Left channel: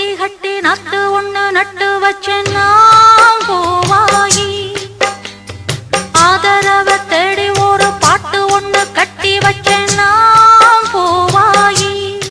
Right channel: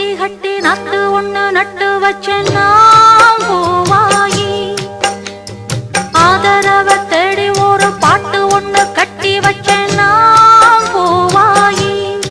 பட்டி கட்டி நட்டு ஒண்ணு நட்டு வச்சேன்னா பூவாயி ஆதரவ தேடி ஒரு பாட்டு ஒண்ணு கட்டி வச்ச